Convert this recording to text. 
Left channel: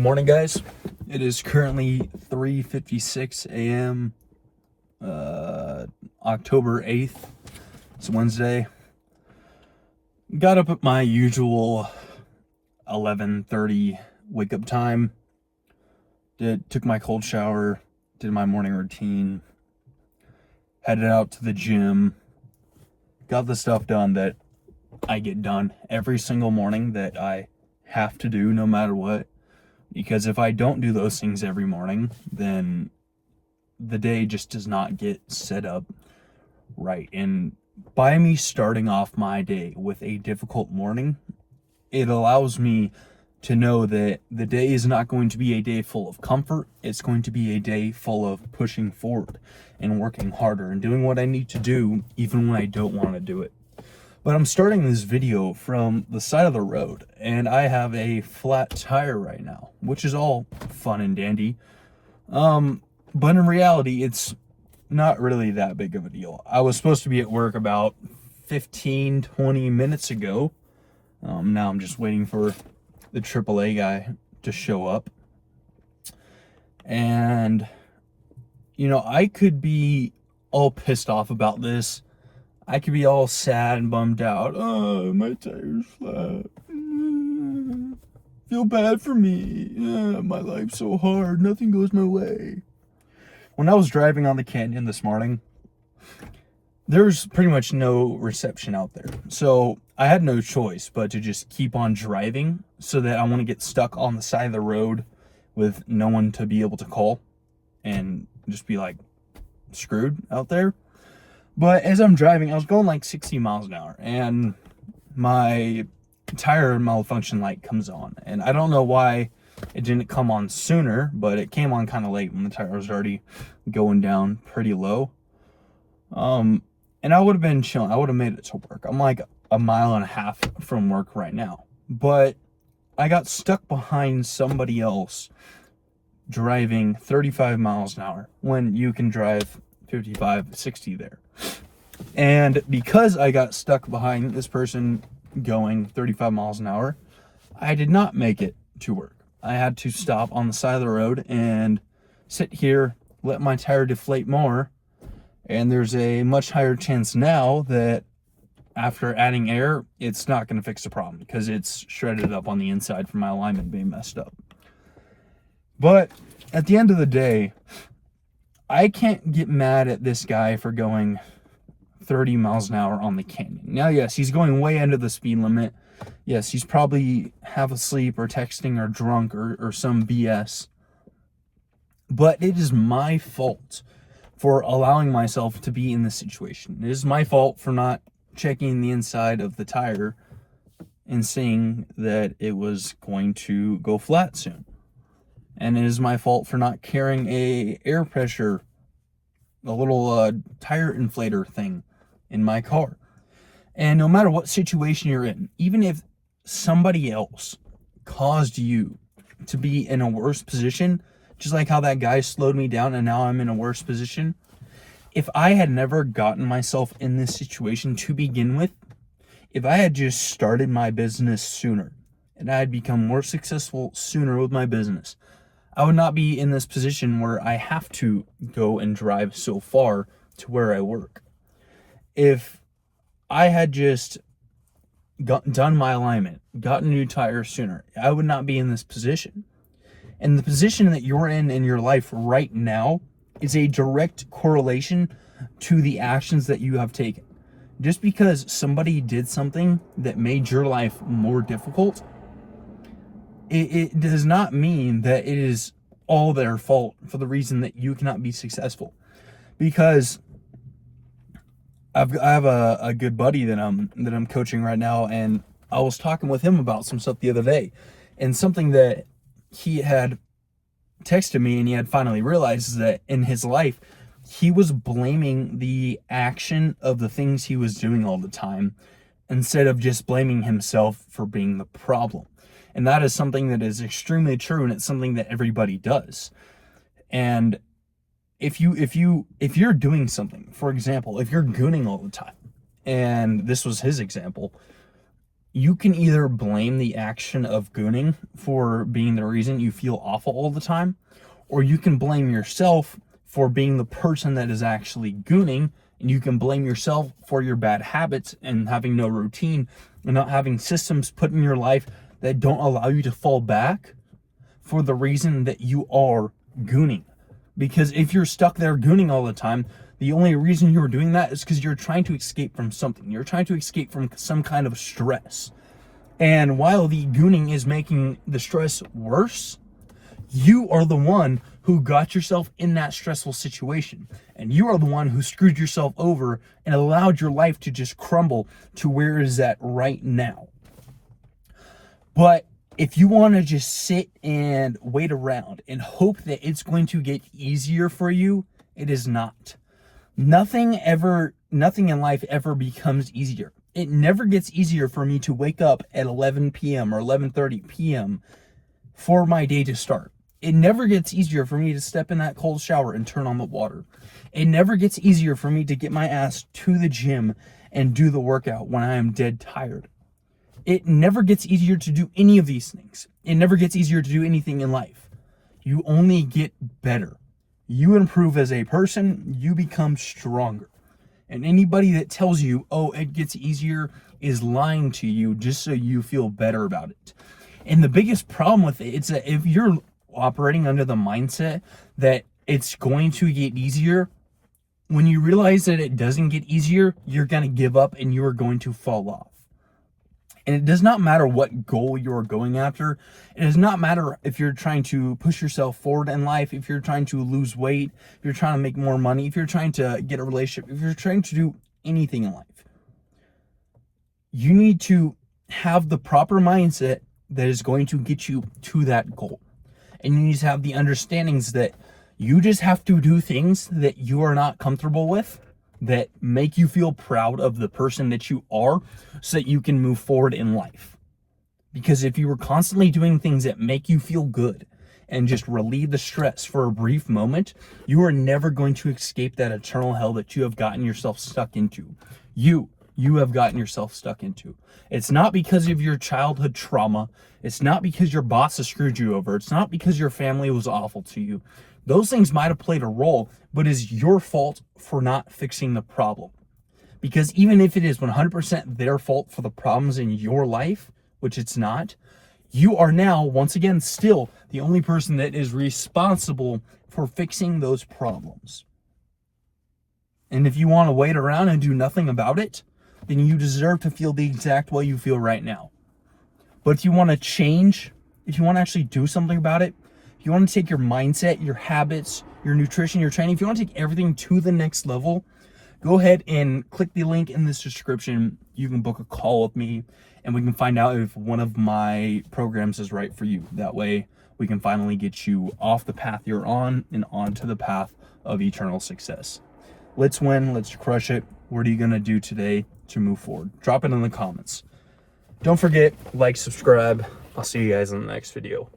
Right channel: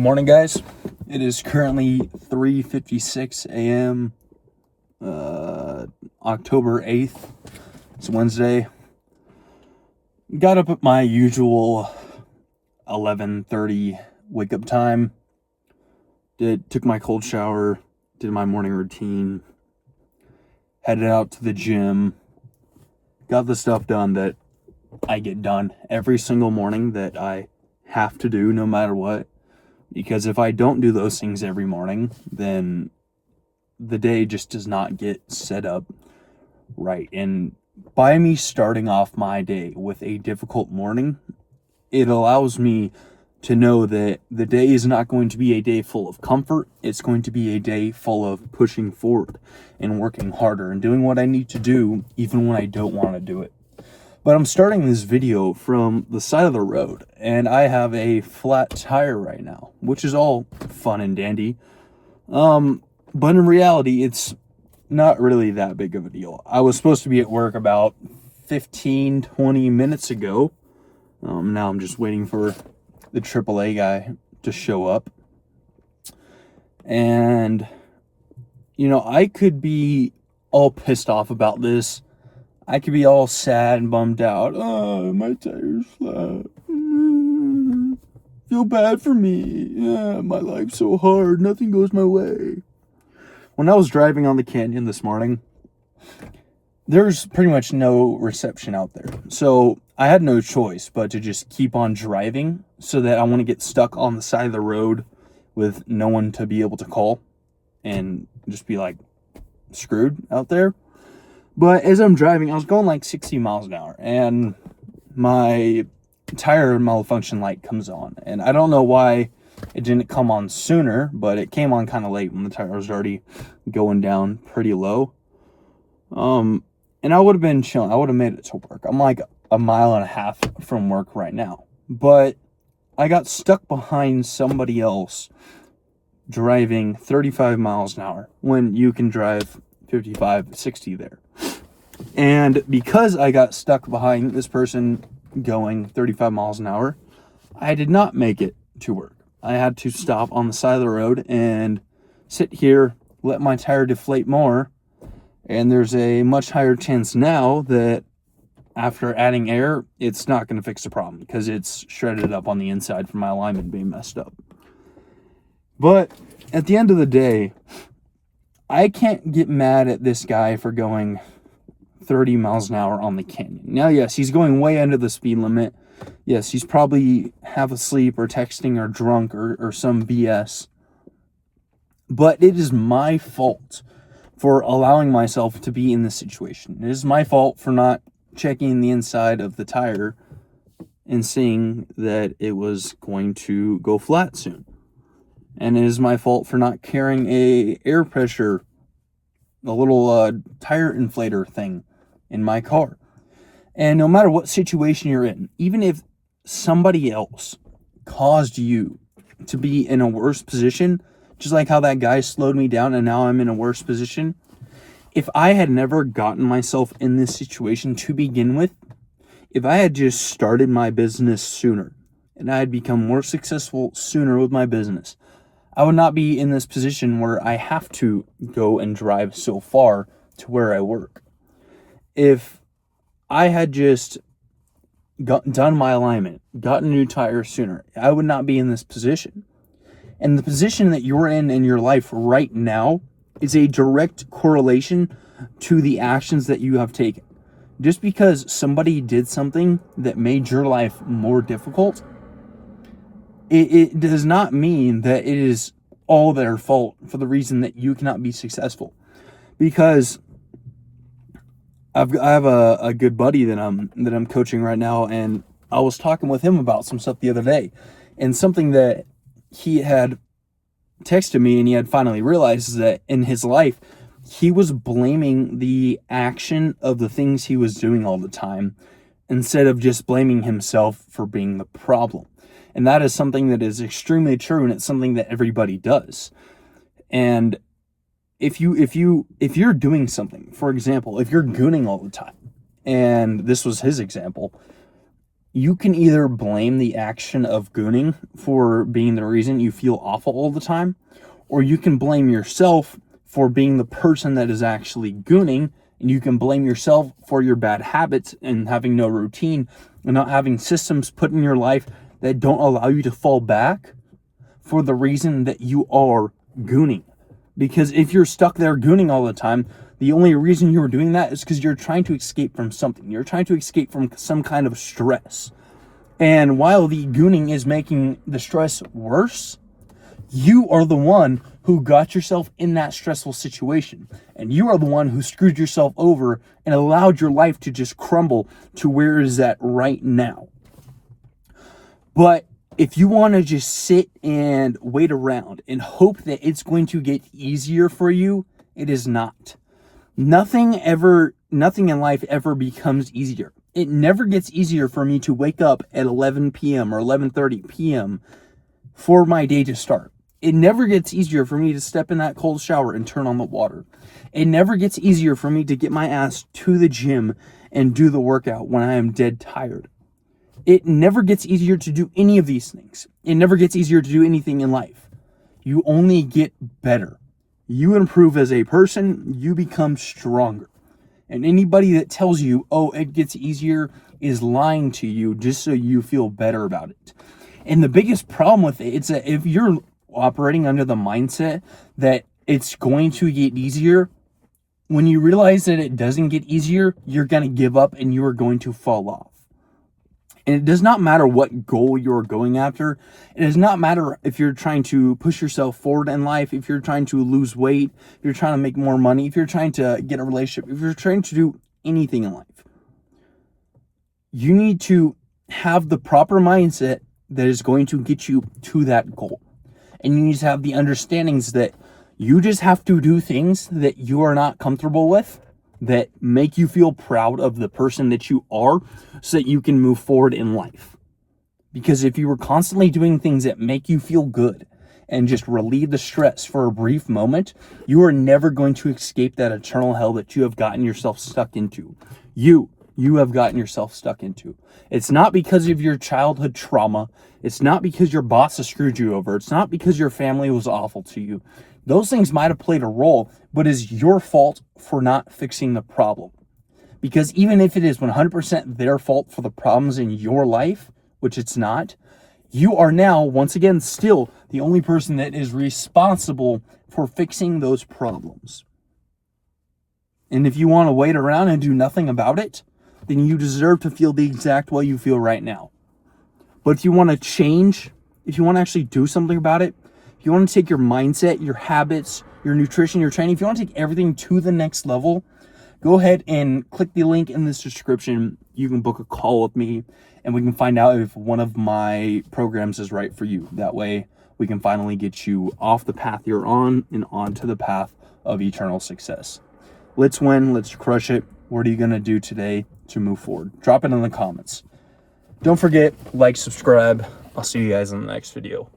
Good morning, guys. It is currently 3:56 a.m. October 8th. It's Wednesday. Got up at my usual 11:30 wake up time. Took my cold shower, did my morning routine, headed out to the gym, got the stuff done that I get done every single morning that I have to do no matter what. Because if I don't do those things every morning, then the day just does not get set up right. And by me starting off my day with a difficult morning, it allows me to know that the day is not going to be a day full of comfort. It's going to be a day full of pushing forward and working harder and doing what I need to do even when I don't want to do it. But I'm starting this video from the side of the road, and I have a flat tire right now, which is all fun and dandy. But in reality, it's not really that big of a deal. I was supposed to be at work about 15-20 minutes ago. Now I'm just waiting for the AAA guy to show up. And, I could be all pissed off about this. I could be all sad and bummed out. Oh, my tire's flat. Feel bad for me. Yeah, my life's so hard. Nothing goes my way. When I was driving on the canyon this morning, there's pretty much no reception out there. So I had no choice but to just keep on driving so that I want to get stuck on the side of the road with no one to be able to call and just be like screwed out there. But as I'm driving, I was going like 60 miles an hour, and my tire malfunction light comes on. And I don't know why it didn't come on sooner, but it came on kind of late when the tire was already going down pretty low. And I would have been chilling. I would have made it to work. I'm like a mile and a half from work right now. But I got stuck behind somebody else driving 35 miles an hour when you can drive 55, 60 there. And because I got stuck behind this person going 35 miles an hour, I did not make it to work. I had to stop on the side of the road and sit here, let my tire deflate more. And there's a much higher chance now that after adding air, it's not going to fix the problem because it's shredded up on the inside from my alignment being messed up. But at the end of the day, I can't get mad at this guy for going 30 miles an hour on the canyon. Now, yes, he's going way under the speed limit. Yes, he's probably half asleep or texting or drunk or some BS. But it is my fault for allowing myself to be in this situation. It is my fault for not checking the inside of the tire and seeing that it was going to go flat soon. And it is my fault for not carrying a air pressure, a little tire inflator thing in my car. And no matter what situation you're in, even if somebody else caused you to be in a worse position, just like how that guy slowed me down and now I'm in a worse position, if I had never gotten myself in this situation to begin with, if I had just started my business sooner and I had become more successful sooner with my business, I would not be in this position where I have to go and drive so far to where I work. If I had just done my alignment, gotten new tires sooner, I would not be in this position. And the position that you're in your life right now is a direct correlation to the actions that you have taken. Just because somebody did something that made your life more difficult, it does not mean that it is all their fault for the reason that you cannot be successful. Because I have a good buddy that I'm coaching right now, and I was talking with him about some stuff the other day, and something that he had texted me and he had finally realized is that in his life he was blaming the action of the things he was doing all the time instead of just blaming himself for being the problem. And that is something that is extremely true, and it's something that everybody does. And if you're doing something, for example, if you're gooning all the time, and this was his example, you can either blame the action of gooning for being the reason you feel awful all the time, or you can blame yourself for being the person that is actually gooning, and you can blame yourself for your bad habits and having no routine and not having systems put in your life that don't allow you to fall back for the reason that you are gooning. Because if you're stuck there gooning all the time, the only reason you're doing that is because you're trying to escape from something. You're trying to escape from some kind of stress. And while the gooning is making the stress worse, you are the one who got yourself in that stressful situation. And you are the one who screwed yourself over and allowed your life to just crumble to where it is at right now. But if you want to just sit and wait around and hope that it's going to get easier for you, it is not. Nothing in life ever becomes easier. It never gets easier for me to wake up at 11 p.m. or 11:30 p.m. for my day to start. It never gets easier for me to step in that cold shower and turn on the water. It never gets easier for me to get my ass to the gym and do the workout when I am dead tired. It never gets easier to do any of these things. It never gets easier to do anything in life. You only get better. You improve as a person, you become stronger. And anybody that tells you, oh, it gets easier, is lying to you just so you feel better about it. And the biggest problem with it is that if you're operating under the mindset that it's going to get easier, when you realize that it doesn't get easier, you're going to give up and you are going to fall off. And it does not matter what goal you're going after. It does not matter if you're trying to push yourself forward in life, if you're trying to lose weight, if you're trying to make more money, if you're trying to get a relationship, if you're trying to do anything in life. You need to have the proper mindset that is going to get you to that goal. And you need to have the understandings that you just have to do things that you are not comfortable with, that make you feel proud of the person that you are, so that you can move forward in life. Because if you were constantly doing things that make you feel good and just relieve the stress for a brief moment, you are never going to escape that eternal hell that you have gotten yourself stuck into. You have gotten yourself stuck into. It's not because of your childhood trauma. It's not because your boss has screwed you over. It's not because your family was awful to you. Those things might have played a role, but it's your fault for not fixing the problem. Because even if it is 100% their fault for the problems in your life, which it's not, you are now, once again, still the only person that is responsible for fixing those problems. And if you want to wait around and do nothing about it, then you deserve to feel the exact way you feel right now. But if you want to change, if you want to actually do something about it, if you want to take your mindset, your habits, your nutrition, your training, if you want to take everything to the next level, go ahead and click the link in this description. You can book a call with me and we can find out if one of my programs is right for you. That way we can finally get you off the path you're on and onto the path of eternal success. Let's win. Let's crush it. What are you going to do today to move forward? Drop it in the comments. Don't forget, like, subscribe. I'll see you guys in the next video.